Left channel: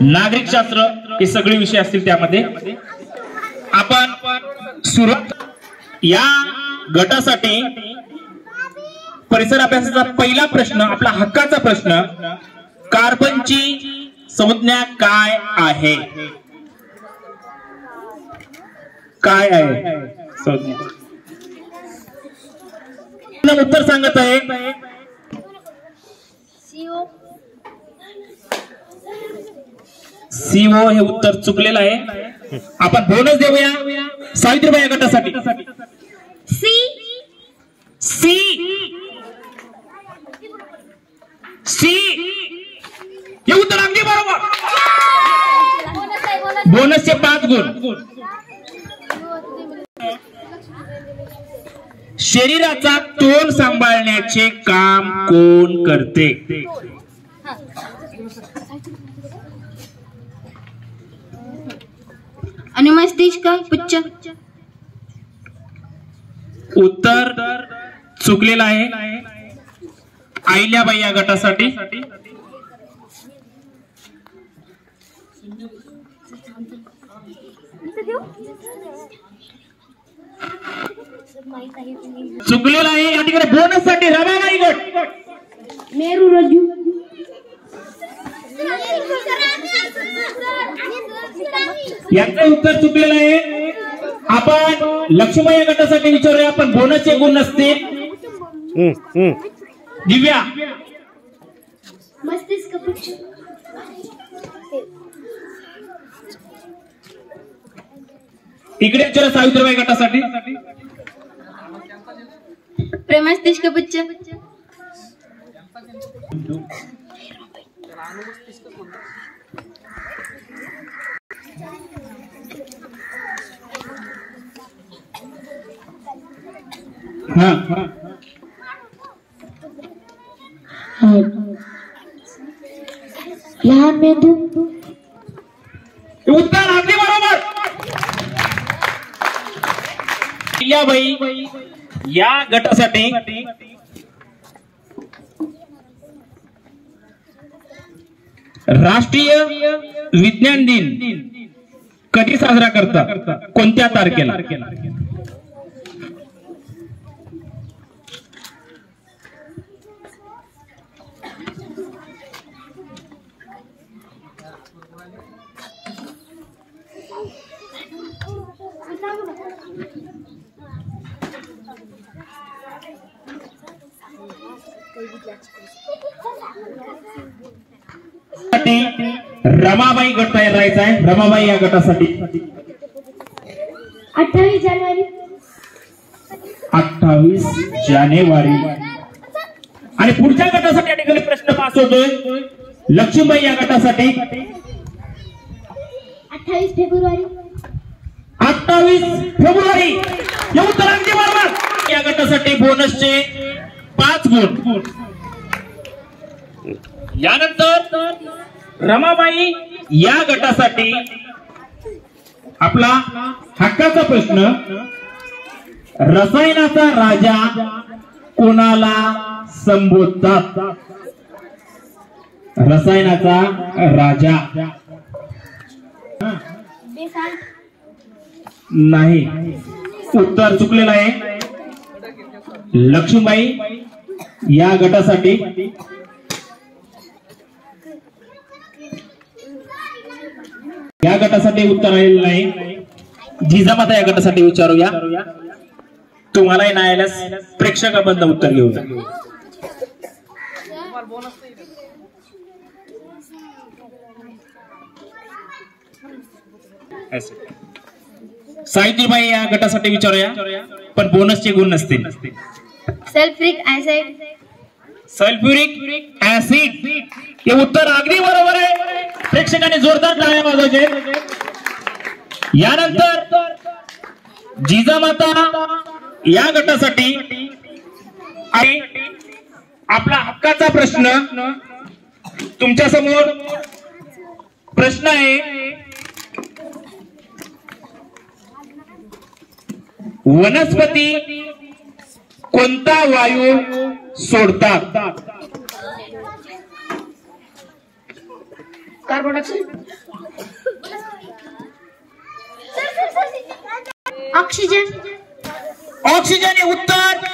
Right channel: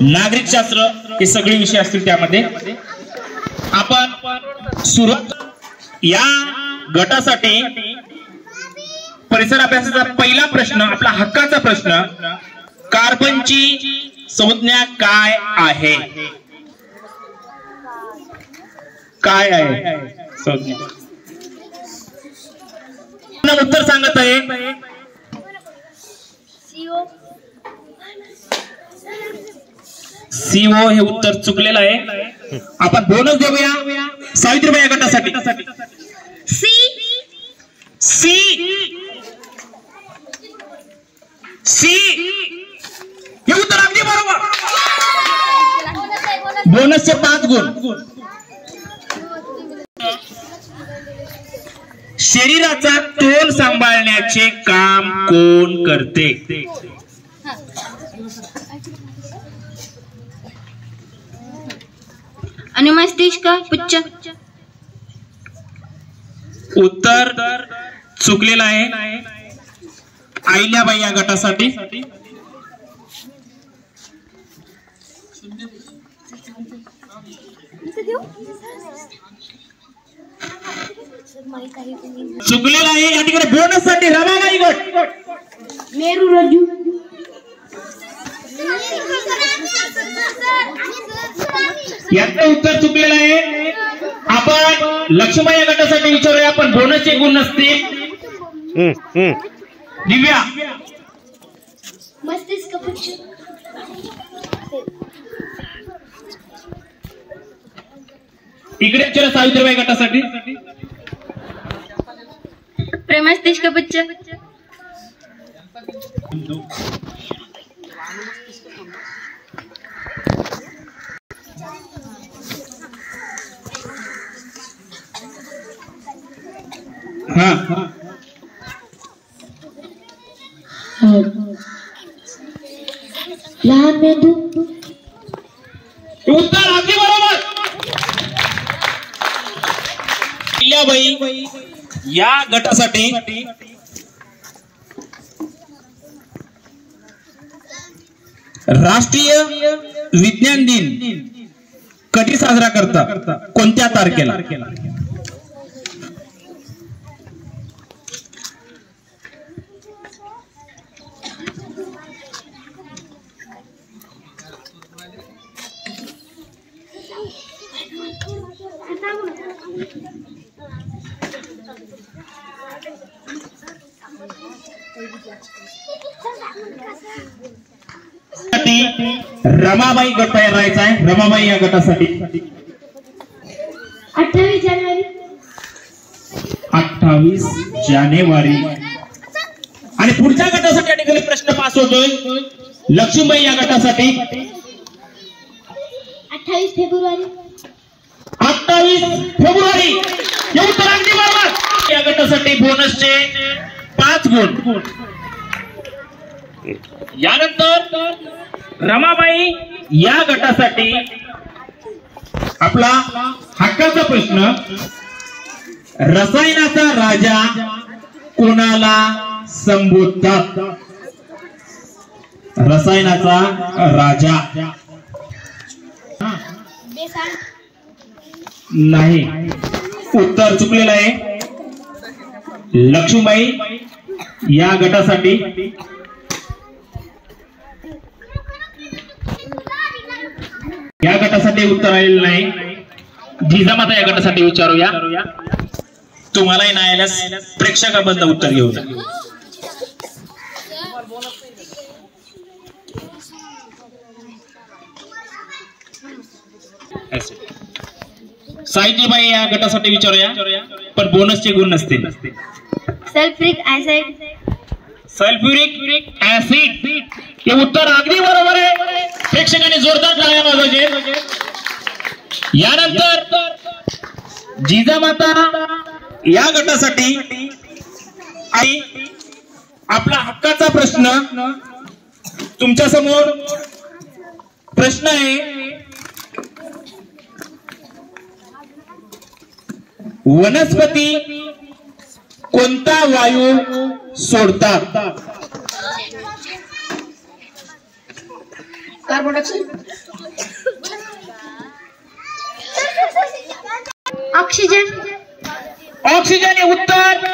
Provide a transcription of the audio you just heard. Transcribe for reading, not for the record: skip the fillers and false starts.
नागरिक शास्त्र हे सगळे विषय असतील त्यामध्ये आपण सुरुवात या गटासाठी परिसर अभ्यासाचा पहिला प्रश्न आपला हक्काचा प्रश्न कार्बनची संज्ञा काय आहे काय आहे संज्ञा उत्तर सांगत आहे सीओ हे उत्तर चुकलेलं आहे आपण बोनस देऊया सावित्रीबाई गटासाठी सी सी सी हे उत्तर अगदी बरोबर बोनसचे 5 गुण शरीराचा तोल सांभाळण्याचे काम कोण करते अनुमस्तिष्क पुच्छ उत्तर चुकलेलं आहे अहिल्याबाई या गटासाठी चुकलेला आहे या ठिकाणी बोनस साठी रमाबाई गट मेरू रज्जू यांचं उत्तर चुकलेलं आहे आपण लक्ष्मीबाई या गटासाठी विचारूया आपण बोनसचे गुण नसते दिव्या मस्तिष्क पुच्छ इकडे विचारा सावित्रीबाई गटासाठी प्रमस्तिष्क पुच्छ हाँ लहान मेंदू उत्तर अगदी बरोबर अहिल्याबाई या गटासाठी राष्ट्रीय विज्ञान दिन कधी साजरा करतात कोणत्या तारखेला रमाबाई गट तयार राहायचा आहे रमाबाई या गटासाठी 28 जानेवारी 28 जानेवारी आणि पुढच्या गटासाठी या ठिकाणी प्रश्न पास होतोय लक्ष्मीबाई या गटासाठी 28 फेब्रुवारी 28 फेब्रुवारी हे उत्तर अगदी बरोबर या गटासाठी बोनसचे 5 गुण यानंतर रमाबाई या गटासाठी आपला हक्काचा प्रश्न रसायनाचा राजा कोणाला संबोधतात रसायनाचा राजा नाही उत्तर चुकलेलं आहे लक्ष्मीबाई या गटासाठी या गटासाठी उत्तर आलेलं नाही जिजामाता या गटासाठी विचारूया तुम्हालाही नाही आल्यास प्रेक्षकाबद्दल उत्तर घेऊ सावित्रीबाई या गटासाठी विचारूया पण बोनसचे गुण नसतील सल्फ्युरिक ऍसिड सल्फ्युरिक ऍसिड हे उत्तर अगदी बरोबर आहे प्रेक्षकांनी जोरदार टाळ्या वाजवायचे यानंतर जिजामाता या गटासाठी आणि आपला हक्काचा प्रश्न तुमच्या समोर प्रश्न आहे वनस्पती कोणता वायू सोडतात कार्बन डायऑक्साइड. ऑक्सिजन. ऑक्सिजन हे उत्तर.